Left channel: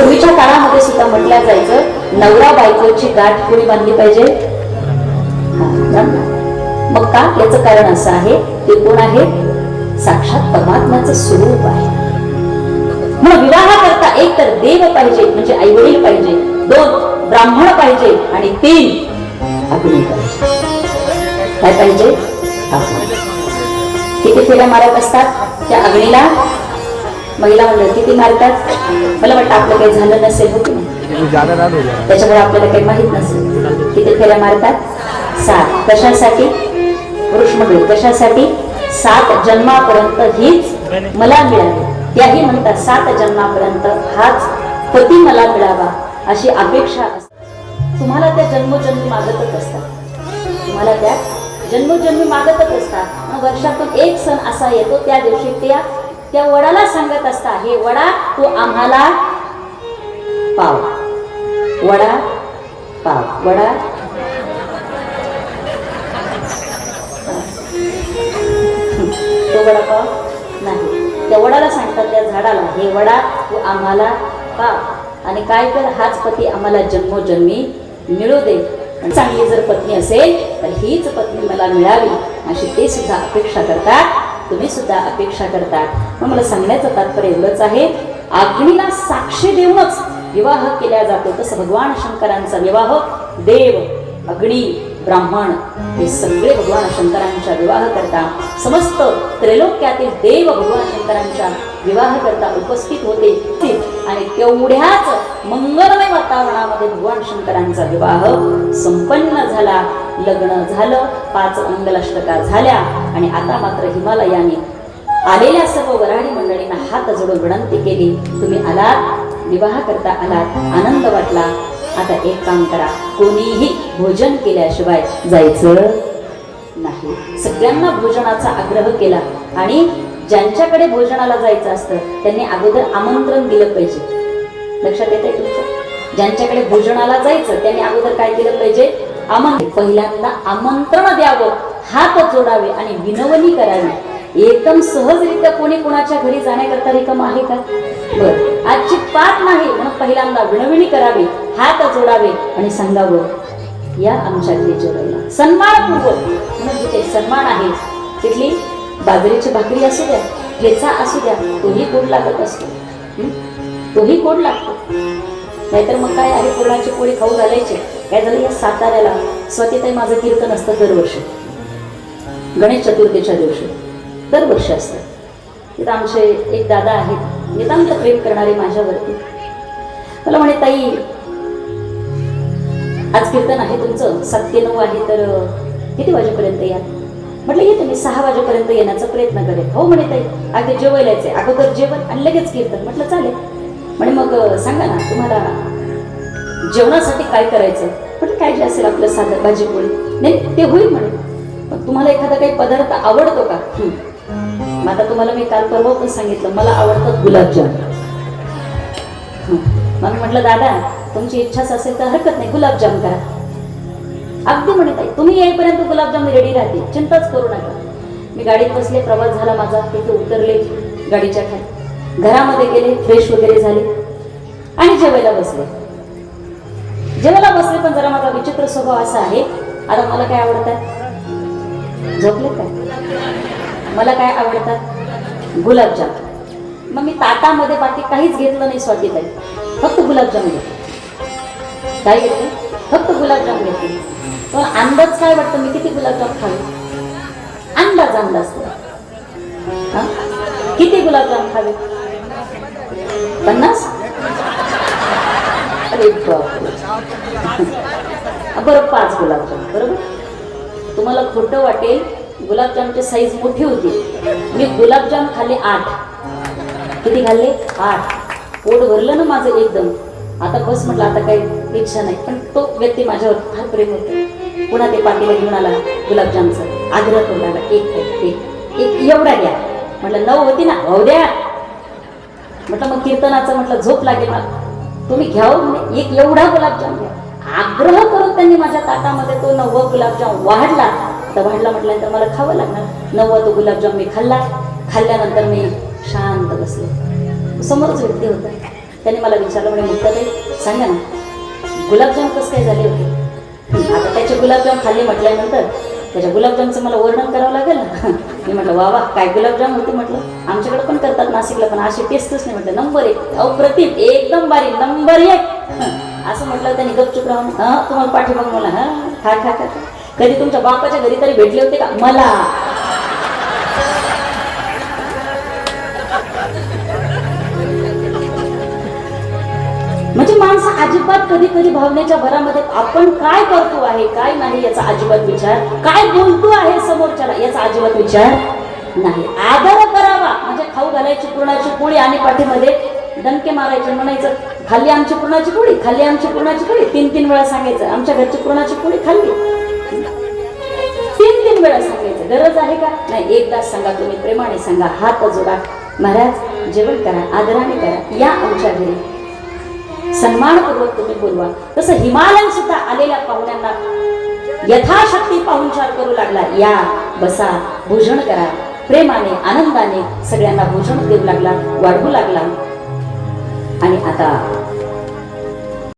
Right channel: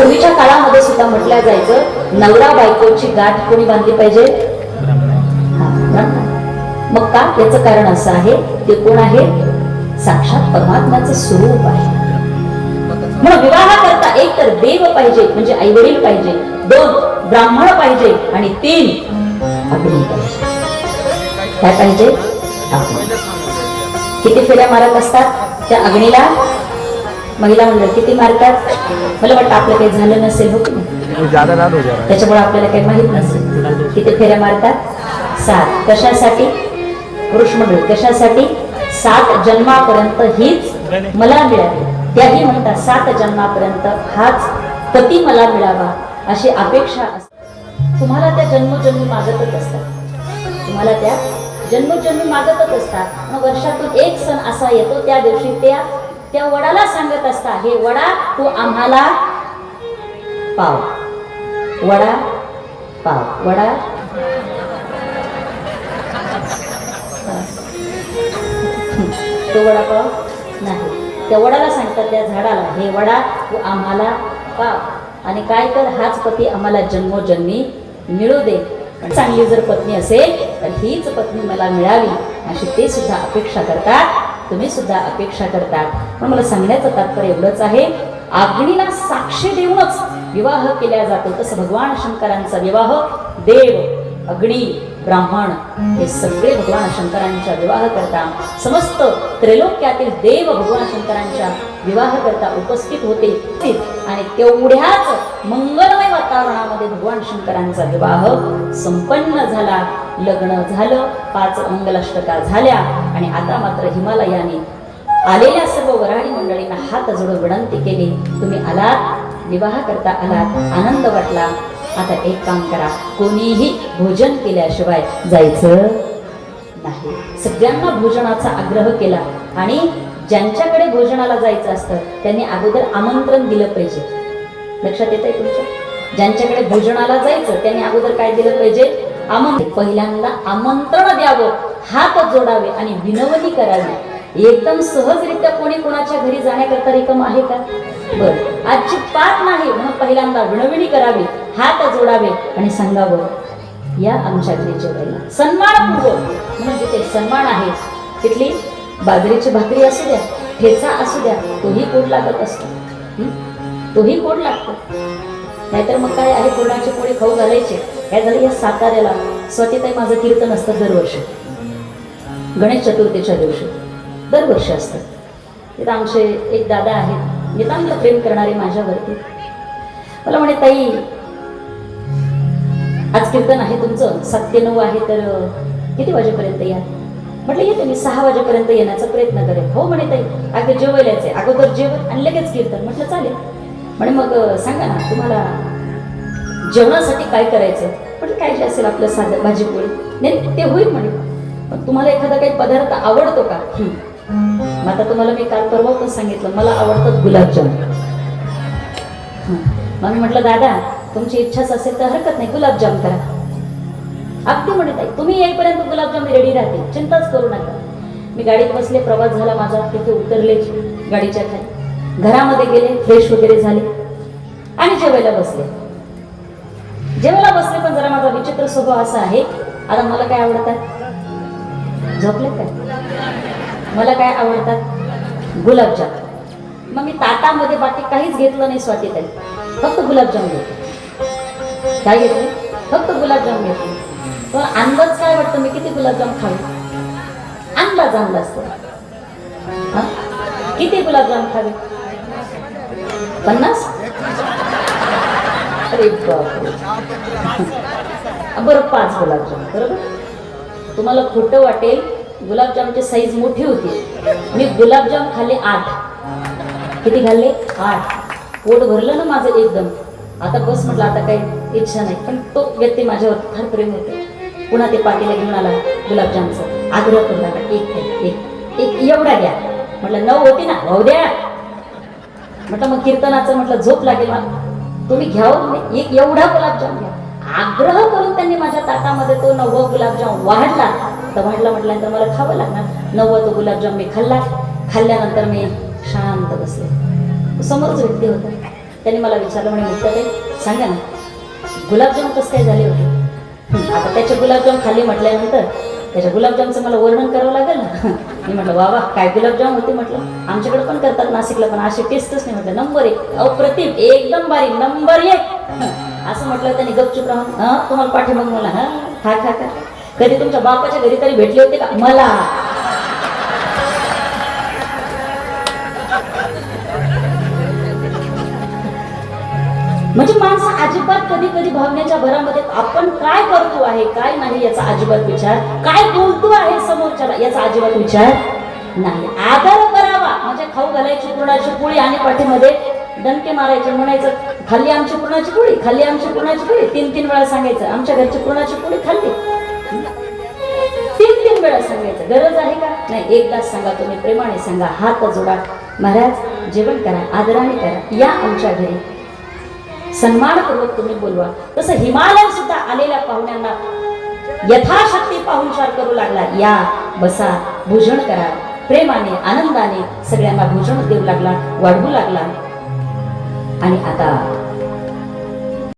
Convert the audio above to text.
पूर्वीच्या काळामध्ये सुद्धा म्हटलं जायचं नवरा बायकोची गाठ कोणी बांधली पाहिजे? मग का? याचं कारण असं आहे, ते कोण आहे? साक्षात परमात्म्याचं स्वरूप आहे. म्हणून विवाह करता एक तर देव पाहिजे म्हणजे आई वडील पाहिजे, 2 ब्राह्मण पाहिजे आणि 3 अग्नी पाहिजे. काय पाहिजे? किती फेऱ्या मारत असतात त्या अग्नीला महिला मंडळ? किती मारतात? मला वाटतं आपलं काही झालं नसेल हो, त्याच्यामुळे आपल्याला काही माहित नसेल. किती फेऱ्या मारतात? 7. कशासाठी? पुरुष मंडळ कशासाठी? 7 जन्मापर्यंत हीच मला मिळावी. त्याही म्हणतात 7 जन्मापर्यंत हाच पती मला मिळावा अशी अपेक्षा असते. तुम्हाला त्या जन्मोजन्मी मागतच असतात, तुम्हाला त्या जन्मोजन्मी मागतच असतात. मग वर्षातून एक सण असा येतो, त्या दिवशी त्या वडाला सांगत असता, हे वडा तू आम्हाला पाव, वडा पाव, वडा तो वडापाव नाही. त्या वडाला सांगतात, त्या झाडाला, हे वडा तू आम्हाला पाव आणि काय कर, हाच पती आम्हाला जन्मोजन्मी मिळू दे. चांगली जर पत्नी असेल तर हीच पत्नी मला मिळावी अशी ते सुद्धा अपेक्षा करतात, तुम्ही सुद्धा अपेक्षा करतात. मला सांगण्याचं तात्पर्य एवढंच आहे, अग्नीला साक्षी देऊनच विवाह केला जातो. तसं भगवान शंकरांचा विवाह देव, अग्नी, ब्राह्मण हे सगळे भगवान शंकरांच्या विवाह करता, समस्त त्रैलोक्यातील देव भगवान शंकरांच्या विवाह करता उपस्थित होते आणि तेवढ्याच मंगलमय वातावरणामध्ये भगवान शंकरांचा विवाह संपन्न झाला. लग्न झालं, 5 मंगलाष्टका झाल्या आणि आता मात्र हिमालयाने आलेल्या सर्व वऱ्हाडी मंडळींना हात जोडून विनंती केली, तुम्ही आलात, विवाह करता आलात, आनंद वाटला. आता एक काम करा, कोणीही भोजन केल्याशिवाय जायचं नाही. सगळ्यांना भोजनाचा आग्रह केला आणि ज्यांच्याकडे भोजनाला जायचं असतं त्यांनी अगोदर आमंत्रण दिलं पाहिजे. लक्षात येतंय तुमच्या? ज्यांच्याकडे भोजनाला जायचं त्यांनी अगोदर काय दिलं पाहिजे? आमंत्रण. पहिल्यांदा आमंत्रण द्यावं, हात जोडावे आणि विनवणी करावी. एकदम सहजरित्या कोणी कोणाच्या घरी जाण्याकरता रिकाम आहे का? बरं, अजिबात नाही. म्हणून पहिल्यांदा विनवणी करावी, हात जोडावे आणि सांगावं, या आमच्या घरी जेवायला. सन्मानपूर्वक, म्हणजे ते सन्मान आहे. तिथली बाजरीची भाकरी असू द्या, ठेचा असू द्या, तोही कोड लागत असतो, तोही कोड लागतो. नाहीतर मग काय आहे, पुरणाची पोळी खाऊ घालायची. काय झालं, या साताऱ्याला स्वतीताई माझं कीर्तन असतं दरवर्षी, गणेश चतुर्थीच्या दिवशी दरवर्षी असतं. तिथं आमचे एक दादा आहेत, नितांत प्रेम करणारे माझ्यावरती. मला म्हणे, ताई आज कीर्तन आहे तुमचं, 7 ते 9 आहे, तर किती वाजेपर्यंत या? म्हटलं येते मी, 6 वाजेपर्यंत येण्याचा प्रयत्न करेन. हो म्हणे ताई, अगदी जेवायला यायचे, अगोदर जेवण आणि लगेच कीर्तन. म्हटलं चालेल. म्हणे मग सांगा ना तुम्हाला जेवणासाठी काय करायचं? म्हटलं काय जे असेल आपलं साधं भाजी पोळी. नाही ते होईल म्हणे, पण तुम्हाला एखादा काही पदार्थ आवडतो का? आता तुम्हाला मी काल परवा पण सांगितलं, मला आवडतात गुलाबजाम. मग म्हटलं दादा तुमची इच्छाच असेल तर हरकत नाही, गुलाबजाम करा. अगदी म्हणत आहे, तुम्ही येईपर्यंत गुलाबजाम रेडी राहते, चिंताच करू नका. मी गाडीत बसले, प्रवास झाला माझा, तिथे उतरले गाडीच्या खाली, घरामध्ये गेले, फ्रेश वगैरे झाले आणि जेवायला बसले. जेवायला बसले पण जरा माझा विचित्र स्वभाव असा आहे, आता मला काय आवडतात? झोपले काय? मला काय आवडतात? गुलाबजाम. मग मी ताटामध्ये बाकी काहीच घेतलं नाही स्वातीताई, फक्त गुलाबजाम घेतले. काय घेतलं? फक्त गुलाबजाम घेतले. पण अंदाज काय वाटतं मी किती गुलाबजाम खावे? अंदाज किती गुलाबजाम खावे? 50? अरे बापरे. बरं 5 गुलाबजाम. बरोबर, तुम्हाला खोटं वाटेल, गुलाबजामची साईज मोठी होती. मी गुलाबजाम खाल्ले 8. किती खाल्ले? 8. पोट भरलं ना माझं एकदम. आता बस म्हटलं, आता काही इच्छा नाही. पण तो व्यक्ती माझ्यावर फार प्रेम होतं. पुन्हा ते पातेलं घेऊन आला गुलाबजामचं, आग्रह करून आला, एक एवढा द्या. म्हटलं 9 होती ना, हो द्या. म्हटलं मग कीर्तनाचं म्हटलं झोप लागेल मला, तुम्ही घ्यावं, एक एवढा गुलाबजाम घ्या. आग्रह करून त्यांनी माझ्या ताटामध्ये तो 9वा गुलाबजाम वाढला. तर म्हटल्यानंतर मला खावं लागणार. 9वा तो गुलाबजाम मी खाल्ला. खाल्ल्यानंतर मी शांत बसले. समोरच व्यक्ती होता, त्याने मला विचारलं, म्हणे मुक्ताबाई सांगा ना, गुलाबजाम कसं काय झाले होते? आता त्याचे गुलाबजाम खाल्ले म्हटल्यानंतर त्याच्या गुलाबजामचं मला वर्णन करावं लागेल ना. मी म्हटलं वा वा काय गुलाबजाम होते म्हटलं, आमच्याकडे पण करतात नाशिकला, पण असे टेस्टच नाही. म्हटलं नंबर 1 अप्रतिम एकदम बारीक नंबर 1 असं म्हटलं. त्याने गपचूप राहून तुम्हाला पाठीमाग मला खा खा खा. कधी तुमच्या बापाच्या घरी तरी भेटले होते का? मला म्हणजे माणसं अजिबात कधी कधी भावनेच्या भरामध्ये आपण काय करतो आहे काय नाही याचा अजिबात विचार, काय बोलतो आहे समोरच्याला याचा अजिबात विचार नाही. आदर करावा म्हणजे खाऊ घालायची पुरणाची पोळी आणि पाठीमध्ये डंके मारायचे, म्हणायचं खाल्ली आमची पुरणाची पोळी, खाल्ली आमची पुरणाची पोळी. 3-3 वेळा सांगायचं आमच्या घरची पुरणाची पोळी खाल्ली. 3-3 वेळा सांगायचं. गरज आहे का? नाही, एकदाच सांगा. तुम्ही प्रेमाने सांगा, हात जोडा, महाराज जेवण करा, आदराने करा, या आमच्या घरी, सन्मानपूर्वक तुम्ही बोलवा. तसं हिमालयात सुद्धा आलेल्या पाहुण्यांना यथाशक्ती पाहुणचार करू लागला. या बसा, भोजन करा, प्रेमाने आनंदाने सगळ्यांना भोजन देऊ लागला, वाढवू लागला. आणि आता